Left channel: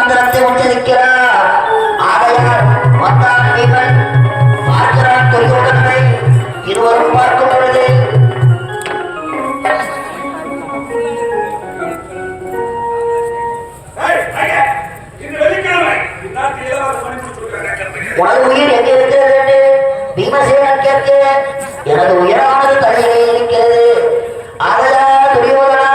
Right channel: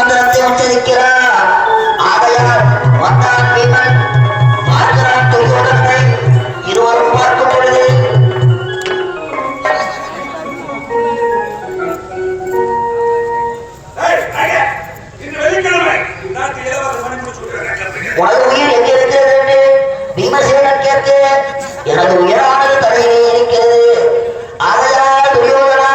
மந்திரத்தை உச்சரிக்கிறார். ஆகையால் வந்தான் பீமன் பார்க்கிறான் துரியோதனனை. இருவரும் பார்க்கும் பொழுது உனது உயிர் எங்கே இருக்கிறது என்று பீமசேனன் கேட்க, எனது உயிரானது தலையிலே இருக்கிறது. ஆகையால் துரியோதனா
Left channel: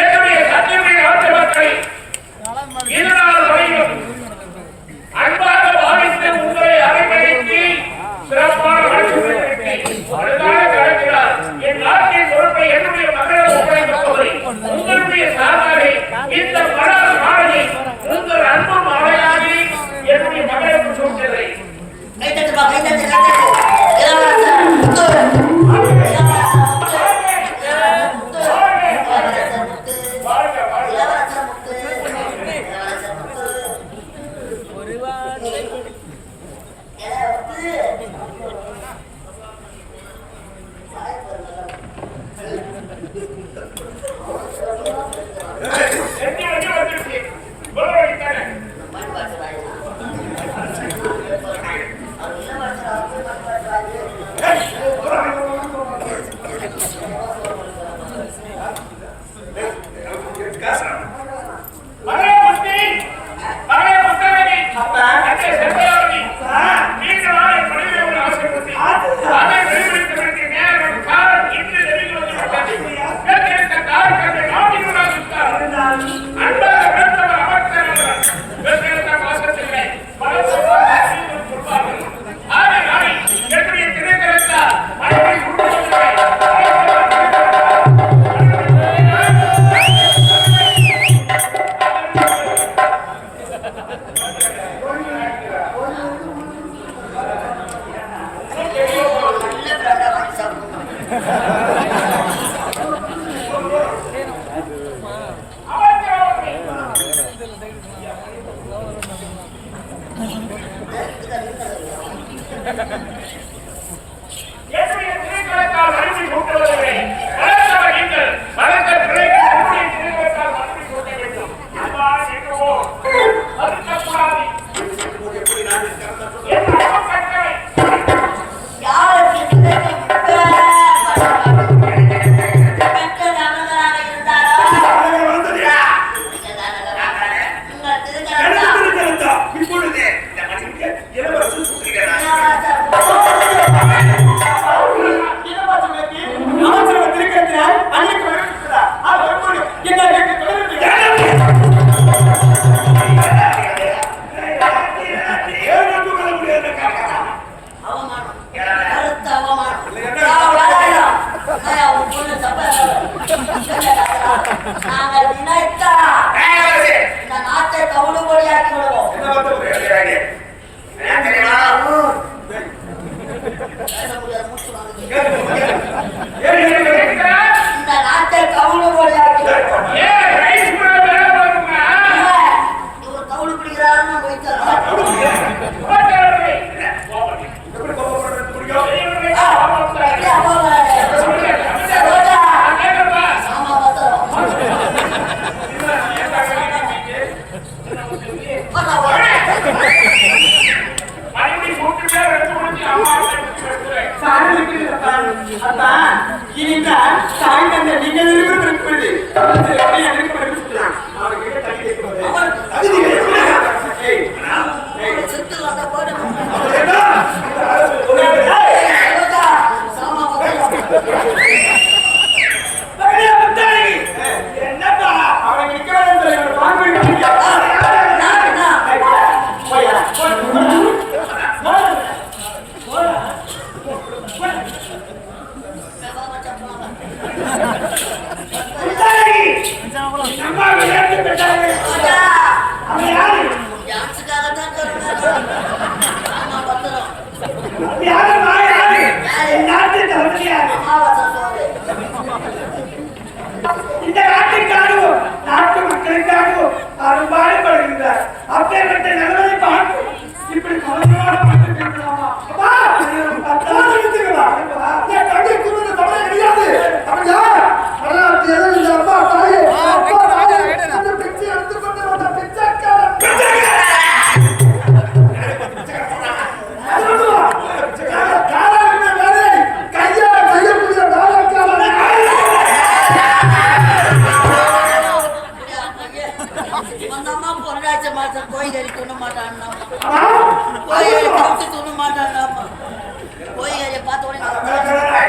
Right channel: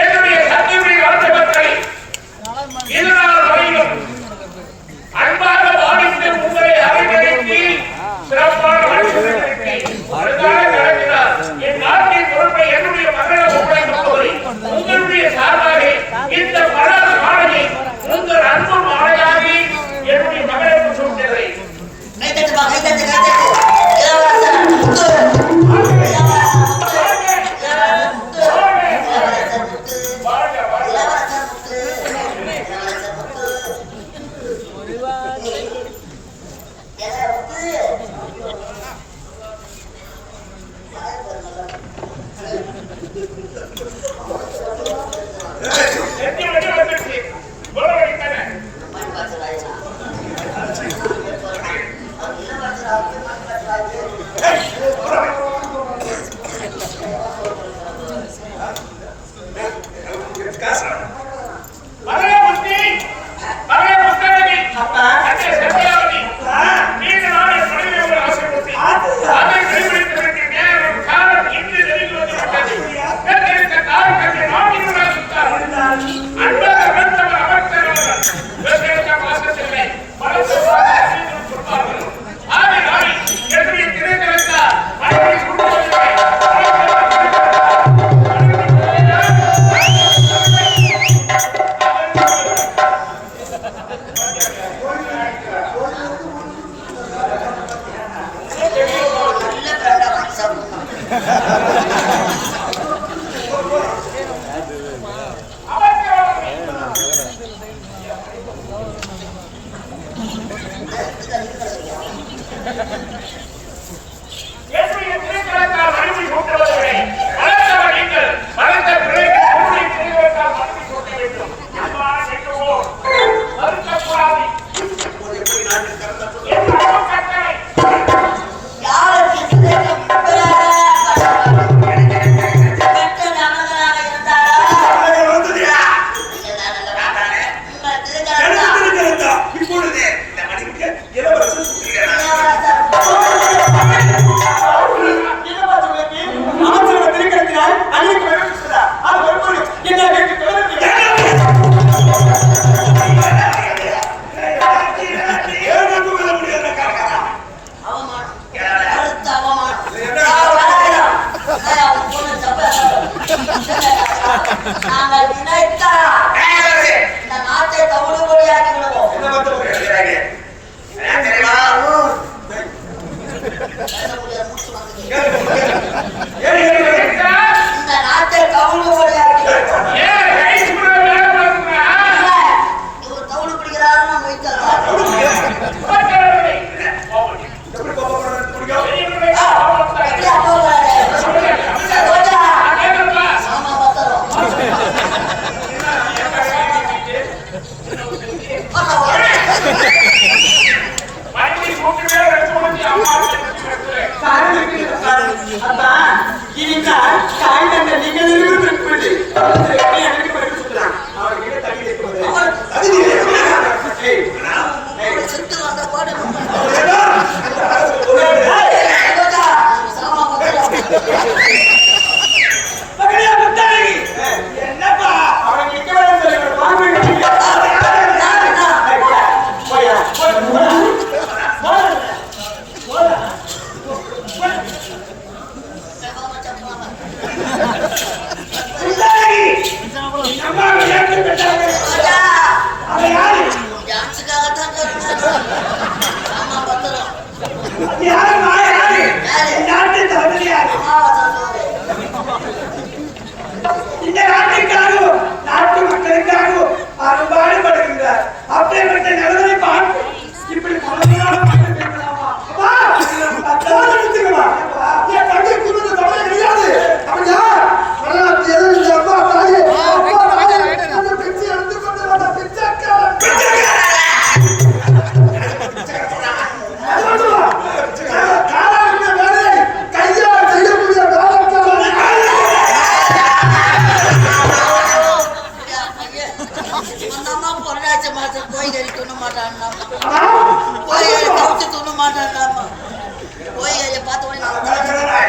என்னுடைய சத்தியத்தை நாட்டு மக்களை இதனால் வரையிலும் அன்பாக பாவித்து உங்களை அரைவழைத்து சிறப்பான கலக்கிறார். என் நாட்டின் பொறுப்பை என்னுடைய மகளிடம் ஒப்படைக்கப் போவதை உங்களுடைய சார்பாக இந்த பல மாலையை உங்கள் அன்பு மாலையாகி என்னுடைய மகளிடம் சொல்கிறதை இந்த நாட்டுக்காகவும் நாட்டு மக்களுக்காகவும் அரும்பாடுபடுகின்றார். அப்பேற்பட்ட நிலைமை பார்த்து இப்படி கவலையான என் தங்கை குடும்பத்தை தொட கிடையாது. அப்படியா பிச்சை எடுத்துக்கொண்டு வந்த பிச்சைக்காரன் கோயில் துண்ண மாட்டான் கோயில் கவுச்சு துண்ண மாட்டான் கோயில் பார்த்த உடனே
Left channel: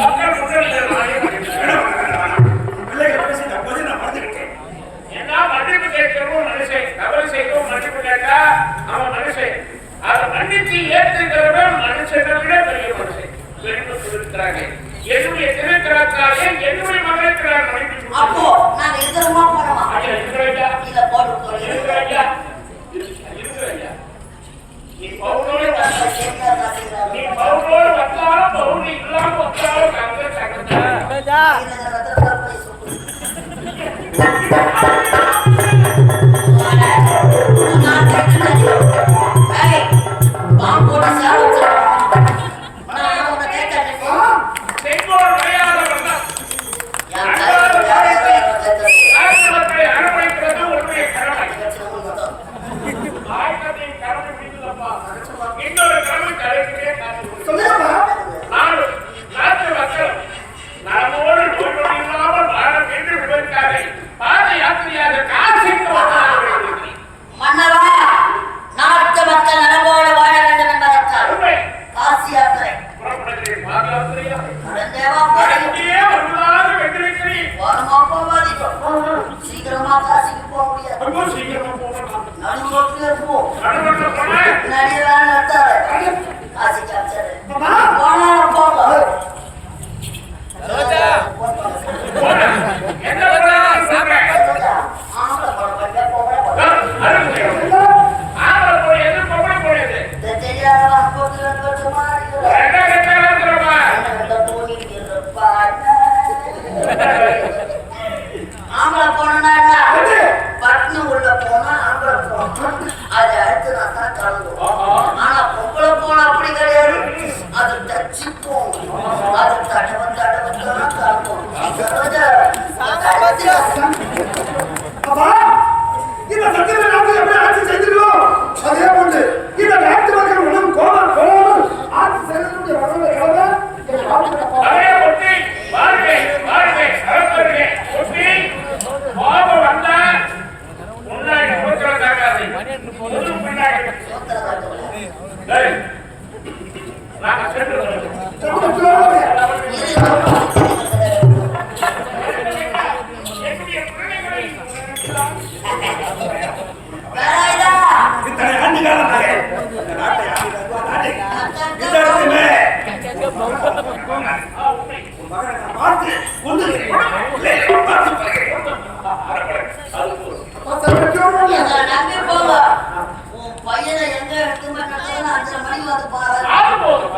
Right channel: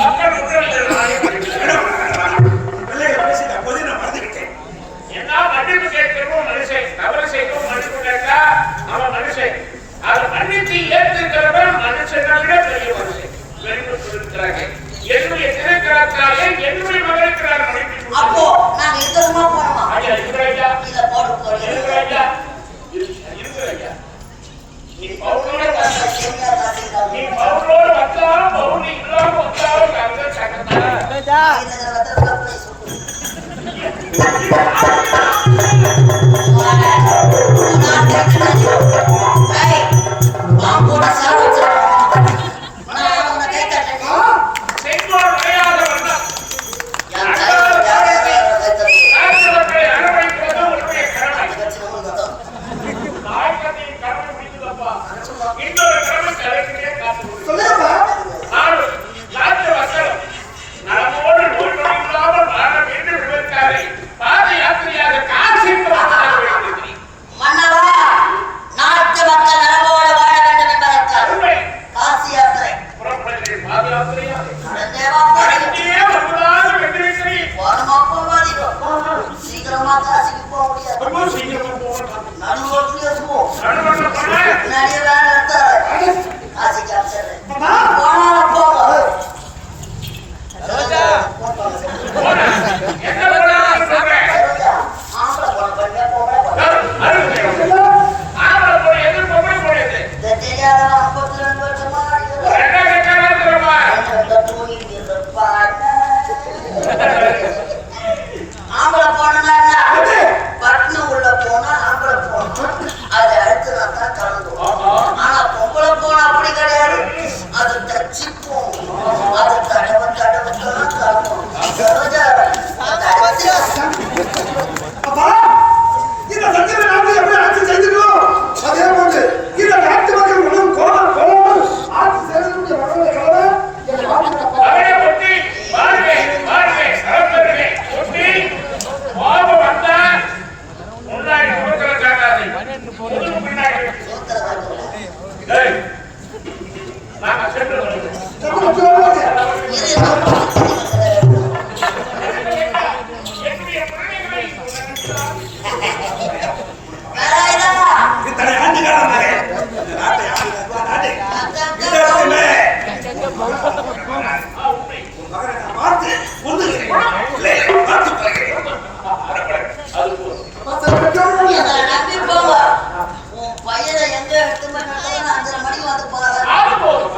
மக்கள் முன்னிலையில் நானே மன்னிக்கிறேன். பிள்ளைகளை பேசிட்ட போதே நான் மறந்து விட்டேன். என்ன மன்னிப்பு கேட்கிறோம் மனுஷன், தவறு செய்யவும் மன்னிப்பு கேட்டா அவன் மனுஷன். அதை மன்னிச்சு ஏற்றுக்கிறவன் மனுஷனை விட பெரிய மனுஷன். பெருமை இருக்கிறார்கள். என்னுடைய திருக்கிறார்களே என்னுடைய மகளுக்கிறார் மன்னிப்பு. அப்போ நாங்க இருக்கிறோமா போனோமா? ஐயா இருக்கிறாயா? இதை போட்டு இருக்கிறாயா? இருக்கிறாயா? நீ பவுனோடு வந்தாலும் பவுனி இல்லாம வந்தாலும் கவிதை சகத்தான செங்கோல் மறையாத வண்ணம் நாயகத்தை அரவணைக்கிறது உன்னுடைய கடமை. நாயகத்தின் கடமை முடிந்ததப்பா. இன்னொரு கடமை தலைவரே காத்து சொல்லுங்கப்பா. நாட்டு மக்கள் நலமோடு நோய் நொடி இல்லாமல் வாழ வேண்டும் என்பதற்காக பாத யாத்திரையாக காசிக்கு வந்திருக்கிறேன். மன்னவா, நாட்டு மக்கள் நலமோடு வாழ வேண்டும் என்பதற்காக உண்மை. காசி யாத்திரை புறப்படுகிறேன். பாத யாத்திரையா? தேவா போறீங்க. இங்கே வருவதாக வென்றிருக்கிறேன். ஓரமா போவாதீங்க. சீக்கிரமா காசிக்கு போக முடியாது. ரொம்ப சீக்கிரமா போகணும். நடுவோட்டிலே போ. நடுவர்கள் சொன்ன நடிகரா நடத்தாரு. காசிக்கு அம்சரு. போனாலும் போங்க. என்ன பண்ணலாம் சொல்றேன். ஆம்பளை போட போய் பொம்பளை போட. ஆம்பளை போய் எது பொம்பளை போயிடுது. இந்த தெரியாதவன் 52 வருஷமா இருக்கிறான். என்ன கேட்டாலும் இருக்கிறோமா? ஆம்பளை போனா என்ன? பட்னு உள்ள போனா ஆம்பளை போகணும். அது அடுத்து நான் தான் கலந்துவோம். ஆனா பொம்பளை போனா அப்படி கிடையாது. அது தச்சு போகணும். அது தடவை தான் கலந்துவோம். அப்பா, இந்த சத்தியமே நாட்டு எப்படி ஆட்சி செய்திருக்கோம் அதே போன்று இந்த நாட்டு மக்கள் உணவு கோலாமல் ஆட்சி செய்வதற்குரிய உணவுகளை கலவை என் வாழ்க்கை அவரே பொட்டி வாழ்க வாழ்க சகோதரர்களே பொட்டி வாப வந்தா முன்னாடி கொடுக்கிற தராது முது பின்னாடி டேய் நான் சென்று வருகிறேன். என்னுடைய பிள்ளைகளை இத்தனை ஆண்டு காலமாக இந்த நாட்டை ஆண்டுகிறார்கள். நாட்டை இந்த இடத்துமே உண்மை உன் மகனை நான் பார்த்து கொண்டுகிறேன். இல்லை, பார்த்து பழகிறேன். அது போதும். நம்பி போங்க. உன் பையனை எங்க எடுத்து போய் நட்டாலும் 5:30 மணிக்கு வந்து பாரு. அது போதும்.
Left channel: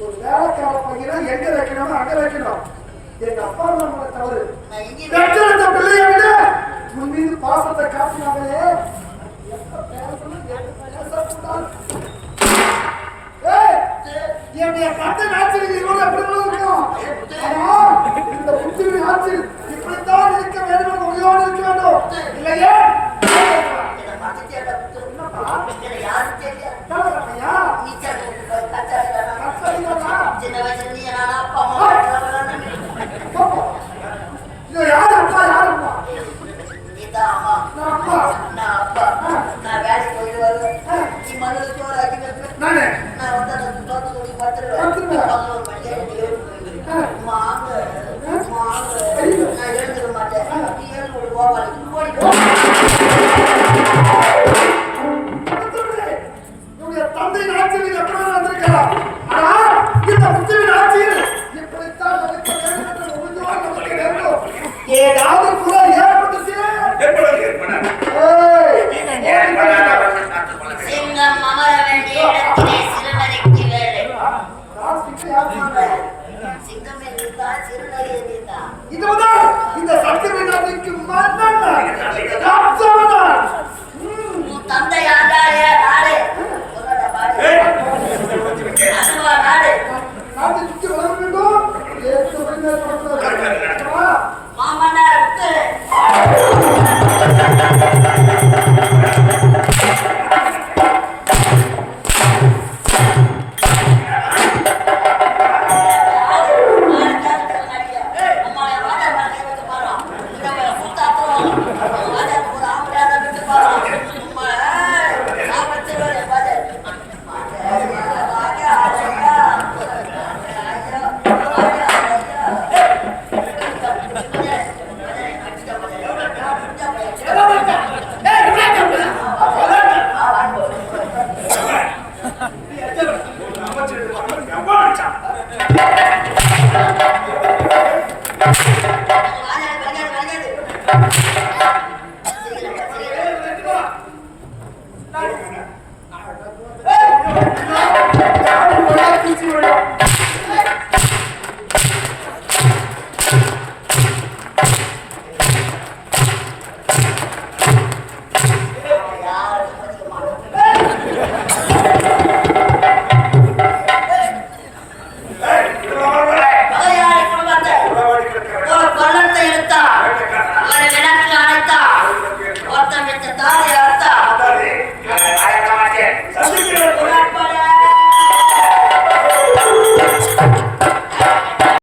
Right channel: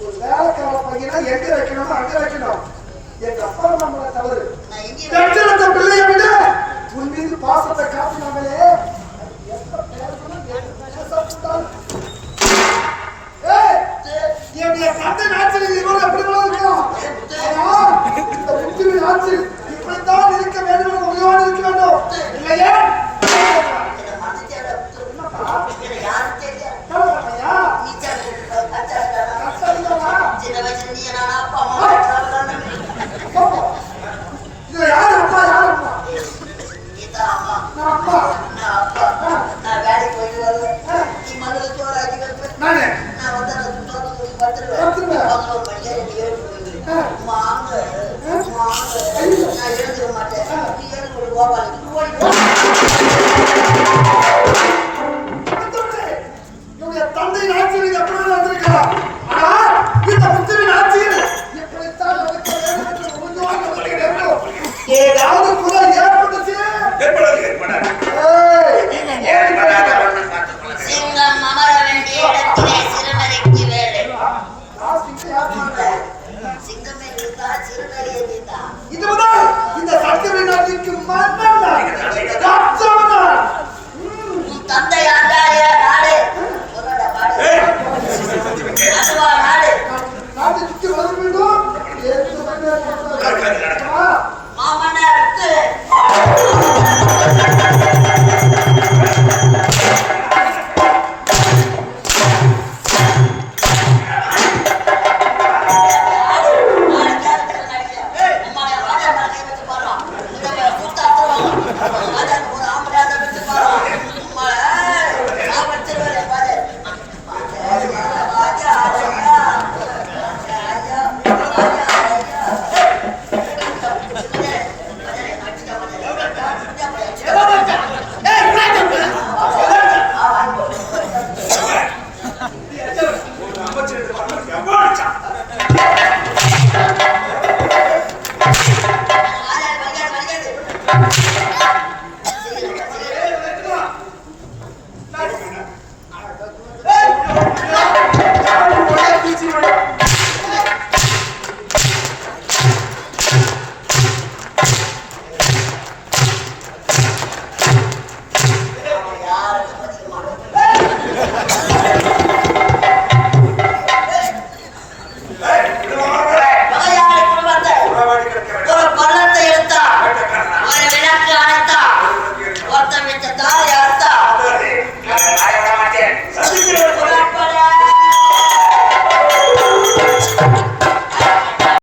ஒரு வேலைக்கார பையனா எங்க வைக்கணுமோ அங்க வைக்கணும். எங்க அப்பா நம்மள தவறு. நான் எங்கேயும் பெற்றெடுத்த பிள்ளையை விட உன் மீது பாசத்தை காட்டினாங்களே. எப்ப பேசணும், எப்ப பேசக்கூடாது. ஏய், என்னுடைய தந்தை நாட்டில் இவங்க எப்படி இருக்கும்? ஆனால் இந்த புத்திரின் ஆட்சியில் இப்படித்தான் இருக்க வேண்டும் என்று உறுதியோடு இருக்க வேண்டும். இல்லையா? என்னை மறந்துட்டியாடா? என்னப்பா? என்னை யாரும் தெரியாது. தலைவர பையா? நீச்சல் கத்தாடா. கஷ்டம்தானா? சின்ன வயசுல நீ நானா அப்பா அம்மா வளர்றாங்கன்னு. பாப்பா, இது யாரு அப்பா, யாரு அம்மா? நீதான் அம்மா. நான் அப்பா. நான் அப்பா. நான் வேலைக்கு போயிட்டு வருவேன். நீ மதுரை சோறு ஆக்கி வைப்பேன். நானே நான் வந்து அந்த துப்பாக்கி தூக்கி படுத்துருவேன். படுத்துருவேன். 11 மணிக்கு எழுந்து போயிடுவேன். வாங்க, வாங்க. ஐயோ. நான் எழுந்துக்க மாட்டேன். நீ எழுந்து விடு கோபாலுக்கு. ஓடி போ. இவங்க தந்தை ஆட்சியில் எப்படி வந்திருக்கிறார்? ஆனால் இந்த புத்திரின் ஆட்சியில் இப்படித்தான் நடக்க வேண்டும் என்று உறுதியோடு நடக்க வேண்டும். ஏதாவது குறை ஏற்பட்டுச்சு. ஏற்படாது. சிங்கம் அமர வேண்டிய இடத்திலே சிறுநரிக்கு வேலை. சிங்கமே நீதான், சிறுநரி நீதான். இது முதல் இந்த சத்தியமை நாட்டிற்கு மன்னன் ராஜாவனார். உன் தந்தை ஆண்டாரியா நாடு? சொல்லடா பாடு. வச்ச தாரை அர்த்தா அதானே. நான் வாழ விட மாட்டேன். சந்திக்கிறவரை கொலை. பல